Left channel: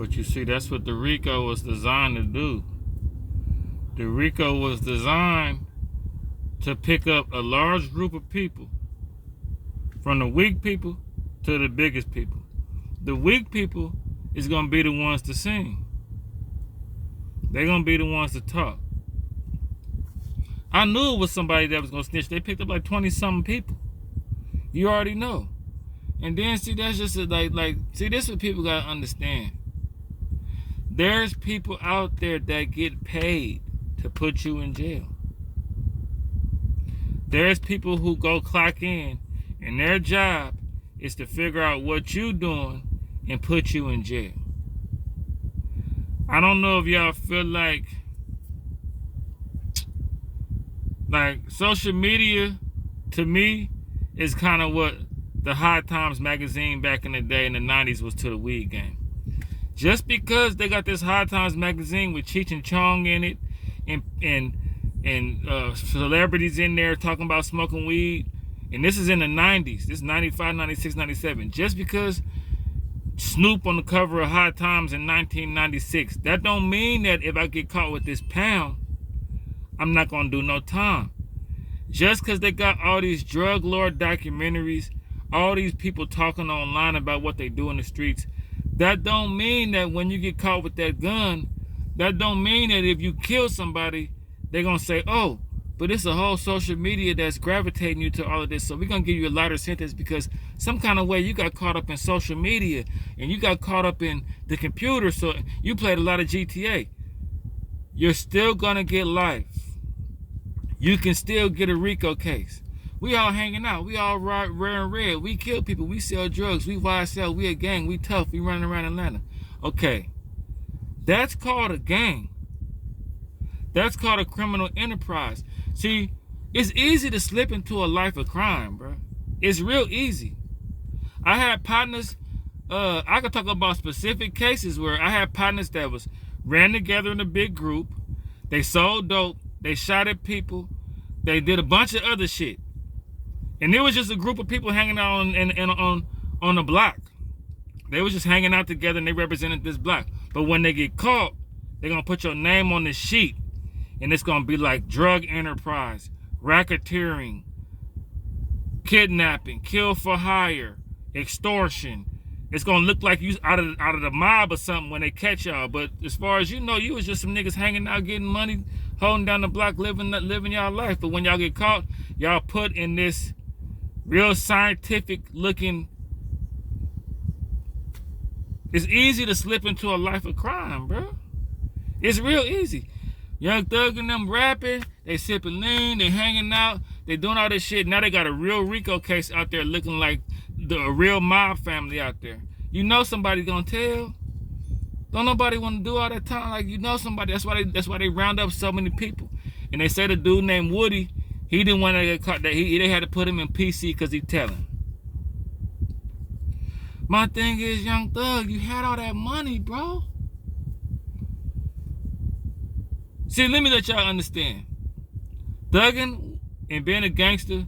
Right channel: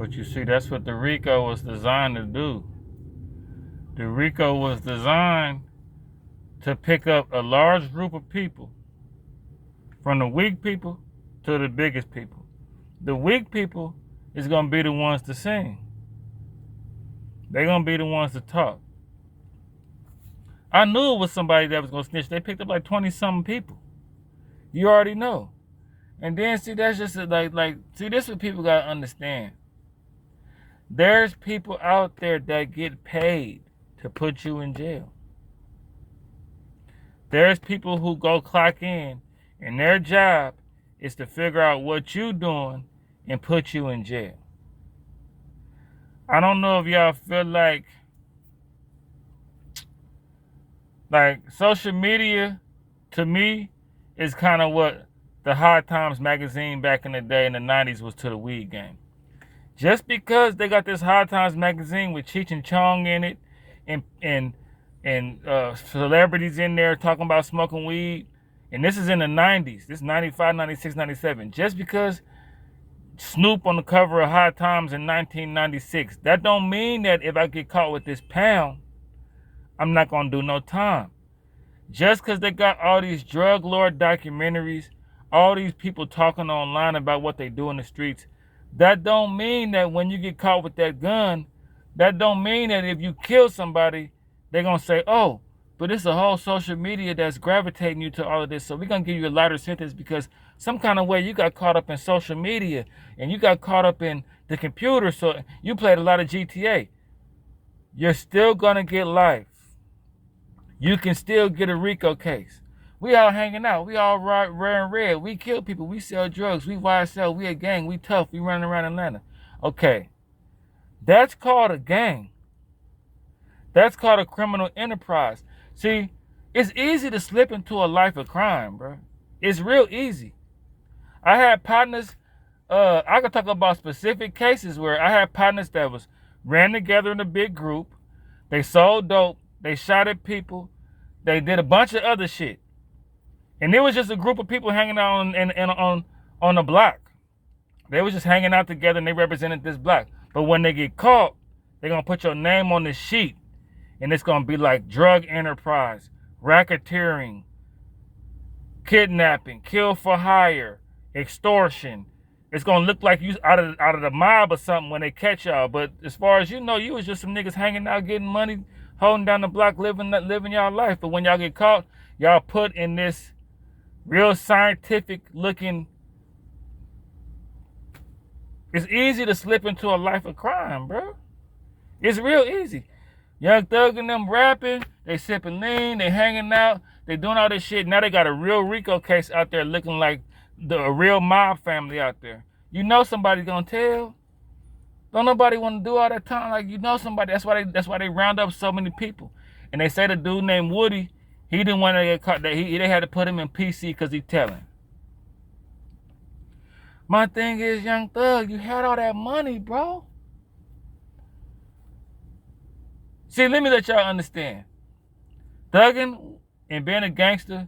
But you see, that's what the Rico was designed to do. The Rico was designed to pick up a large group of people, from the weak people to the biggest people. The weak people is going to be the ones to sing. They're going to be the ones to talk. I knew it was somebody that was going to snitch. They picked up like 20-something people. You already know. And then, see, that's just see, this is what people got to understand. There's people out there that get paid to put you in jail. There's people who go clock in, and their job is to figure out what you're doing and put you in jail. I don't know if y'all feel like social media, to me, is kind of what the High Times magazine back in the day in the 90s was to the weed game. Just because they got this High Times magazine with Cheech and Chong in it and celebrities in there talking about smoking weed, and this is in the 90s, this is 95, 96, 97, just because Snoop on the cover of High Times in 1996, that don't mean that if I get caught with this pound, I'm not going to do no time. Just because they got all these drug lord documentaries, all these people talking online about what they do in the streets, that don't mean that when you get caught with that gun, that don't mean that if you kill somebody, they're going to say, oh, but it's a whole social media that's gravitating you to all of this, so we're going to give you a lighter sentence because some kind of way you got caught up in social media and you got caught up in the computer, so you played a lot of GTA. You're still going to get life. You can still get a Rico case. We all hanging out. We all wearing red. We kill people. We sell drugs. We YSL. We a gang. We tough. We running around Atlanta. Okay. That's called a gang. That's called a criminal enterprise. See, it's easy to slip into a life of crime, bro. It's real easy. I had partners, I could talk about specific cases where I had partners that ran together in a big group. They sold dope. They shot at people. They did a bunch of other shit. And it was just a group of people hanging out on the block. They was just hanging out together and they represented this block. But when they get caught, they're going to put your name on this sheet. And it's going to be like drug enterprise, racketeering, kidnapping, kill for hire, extortion. It's going to look like you out of the mob or something when they catch y'all. But as far as you know, you was just some niggas hanging out, getting money, holding down the block, living y'all life. But when y'all get caught, y'all put in this real scientific looking. It's easy to slip into a life of crime, bro. It's real easy. Young Thug and them rapping, they sipping lean, they hanging out, they doing all this shit. Now they got a real Rico case out there looking like a real mob family out there. You know somebody gonna tell. Don't nobody want to do all that time. Like, you know somebody. That's why they round up so many people. And they say the dude named Woody, he didn't want to get caught. They had to put him in PC because he telling. My thing is, Young Thug, you had all that money, bro. See, let me let y'all understand. Thugging and being a gangster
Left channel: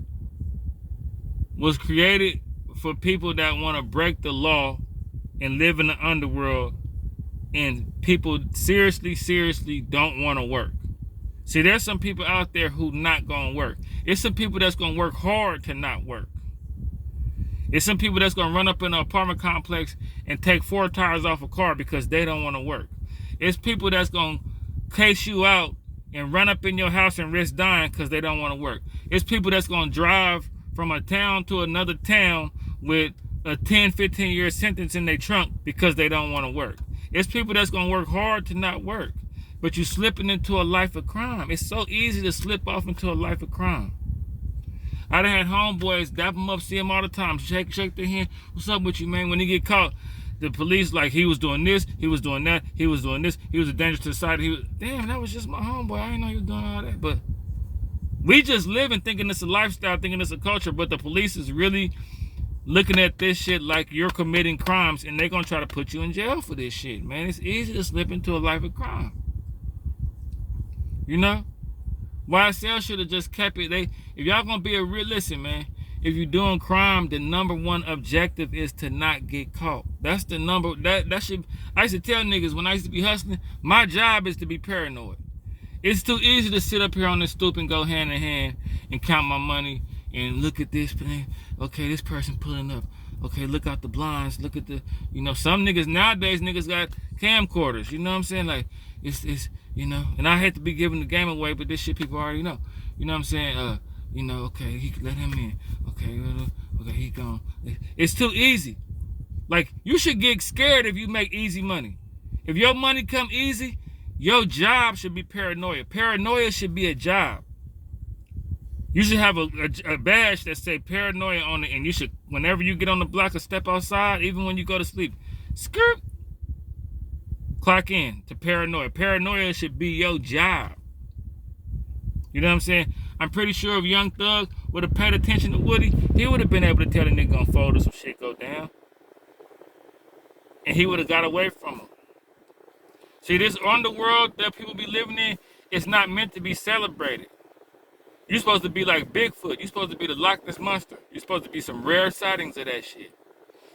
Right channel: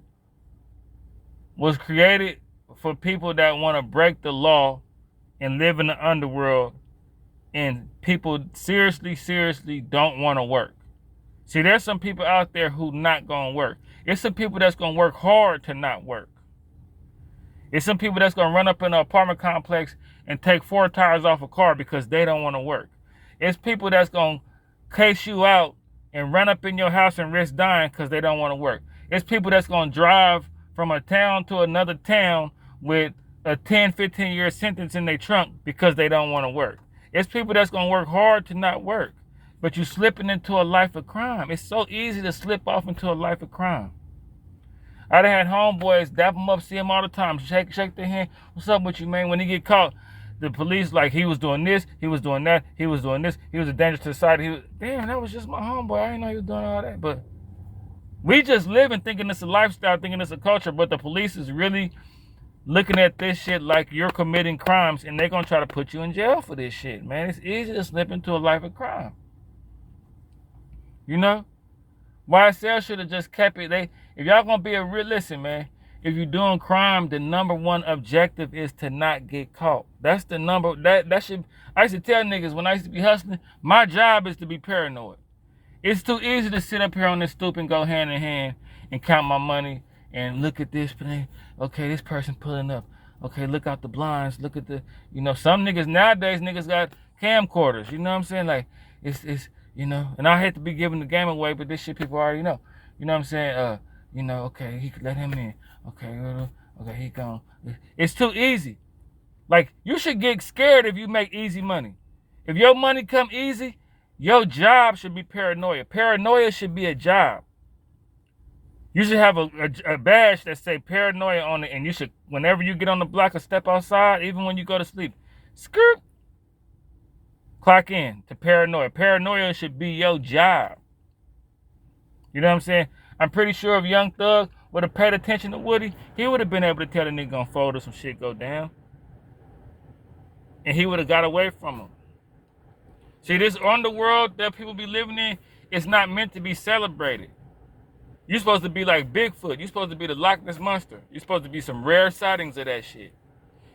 was created for people that want to break the law and live in the underworld, and people seriously don't want to work. See, there's some people out there who not going to work. It's some people that's going to work hard to not work. It's some people that's going to run up in an apartment complex and take 4 tires off a car because they don't want to work. It's people that's going to case you out and run up in your house and risk dying because they don't want to work. It's people that's going to drive from a town to another town with a 10, 15-year sentence in their trunk because they don't want to work. It's people that's going to work hard to not work, but you slipping into a life of crime. It's so easy to slip off into a life of crime. I done had homeboys dap them up, see them all the time, shake their hand. What's up with you, man? When he get caught, the police like he was doing this, he was doing that, he was doing this, he was a danger to society. Damn, that was just my homeboy. I didn't know he was doing all that. But we just living thinking it's a lifestyle, thinking it's a culture, but the police is really looking at this shit like you're committing crimes, and they're gonna try to put you in jail for this shit, man. It's easy to slip into a life of crime. You know? YSL should have just kept it. If y'all gonna be a real, listen, man, if you're doing crime, the number one objective is to not get caught. That's the number. That should. I used to tell niggas when I used to be hustling, my job is to be paranoid. It's too easy to sit up here on this stoop and go hand in hand and count my money and look at this. Okay, this person pulling up. Okay, look out the blinds. Look at the, some niggas nowadays, niggas got camcorders. You know what I'm saying? Like, it's and I hate to be giving the game away, but this shit people already know. You know what I'm saying? Okay, he could let him in. Okay, he gone. It's too easy. Like, you should get scared if you make easy money. If your money come easy, your job should be paranoia. Paranoia should be a job. You should have a badge that say paranoia on it, and you should, whenever you get on the block or step outside, even when you go to sleep, skirt, clock in to paranoia. Paranoia should be your job. You know what I'm saying? I'm pretty sure if Young Thug would have paid attention to Woody, he would have been able to tell the nigga on fold or some shit go down. And he would have got away from him. See, this underworld that people be living in is not meant to be celebrated. You're supposed to be like Bigfoot. You're supposed to be the Loch Ness Monster. You're supposed to be some rare sightings of that shit.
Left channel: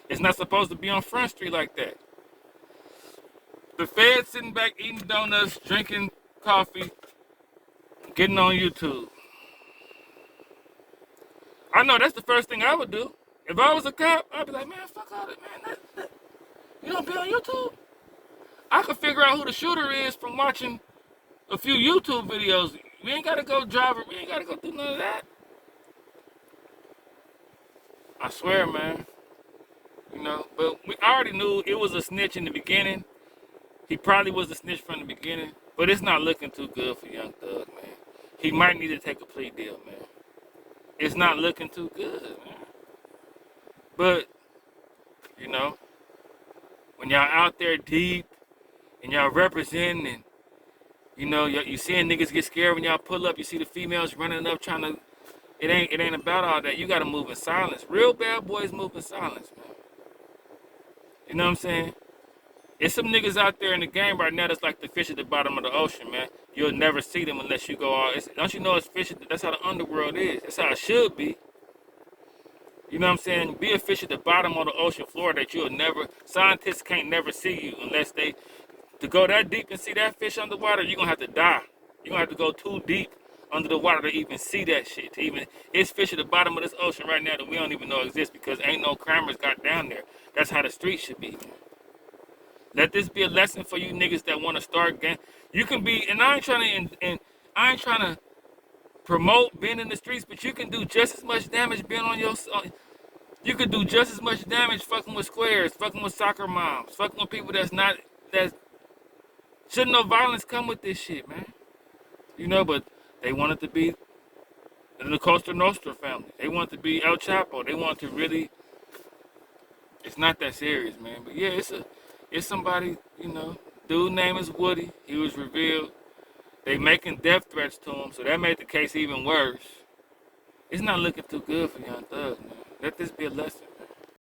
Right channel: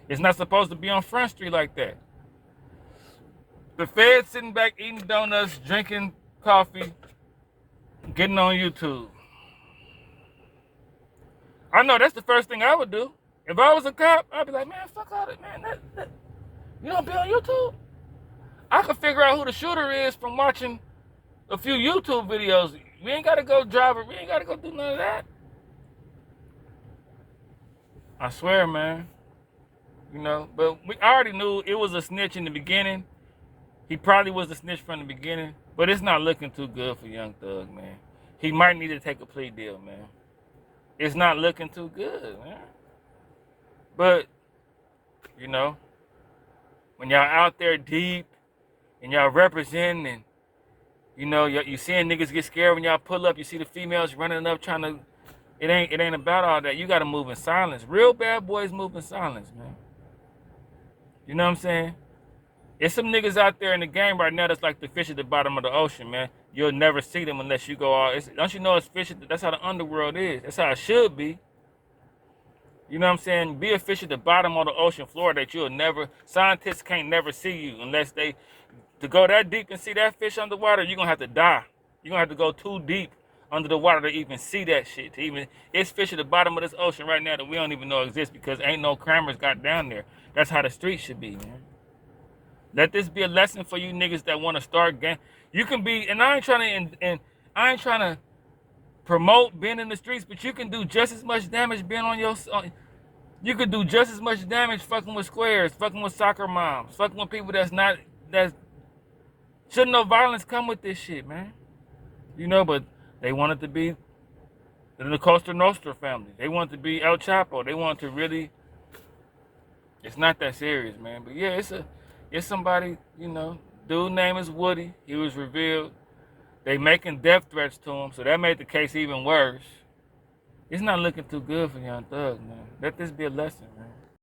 It's not supposed to be on Front Street like that. The feds sitting back eating donuts, drinking coffee, getting on YouTube. I know that's the first thing I would do. If I was a cop, I'd be like, man, fuck all that, man. You don't be on YouTube? I could figure out who the shooter is from watching a few YouTube videos. We ain't got to go drive it. We ain't got to go do none of that. I swear, man. But we already knew it was a snitch in the beginning. He probably was a snitch from the beginning. But it's not looking too good for Young Thug, man. He might need to take a plea deal, man. It's not looking too good, man. But, when y'all out there deep and y'all representing and, you seeing niggas get scared when y'all pull up, you see the females running up trying to, it ain't about all that. You got to move in silence. Real bad boys move in silence, man. You know what I'm saying? There's some niggas out there in the game right now that's like the fish at the bottom of the ocean, man. You'll never see them unless you go out. Don't you know it's fish? That's how the underworld is. That's how it should be. You know what I'm saying? Be a fish at the bottom of the ocean floor that you'll never, scientists can't never see you unless to go that deep and see that fish underwater, you're going to have to die. You're going to have to go too deep under the water to even see that shit. It's fish at the bottom of this ocean right now that we don't even know exist because ain't no cameras got down there. That's how the street should be, man. Let this be a lesson for you niggas that want to start gang. You can be, and I ain't trying to promote being in the streets, but you can do just as much damage being on your. You could do just as much damage fucking with squares, fucking with soccer moms, fucking with people that shouldn't no violence come with this shit, man. But they want it to be the Costa Nostra family. They want it to be El Chapo. They want to really. It's not that serious, man. But yeah, it's somebody, dude name is Woody. He was revealed. They making death threats to him, so that made the case even worse. It's not looking too good for Young Thug, man. Let this be a lesson.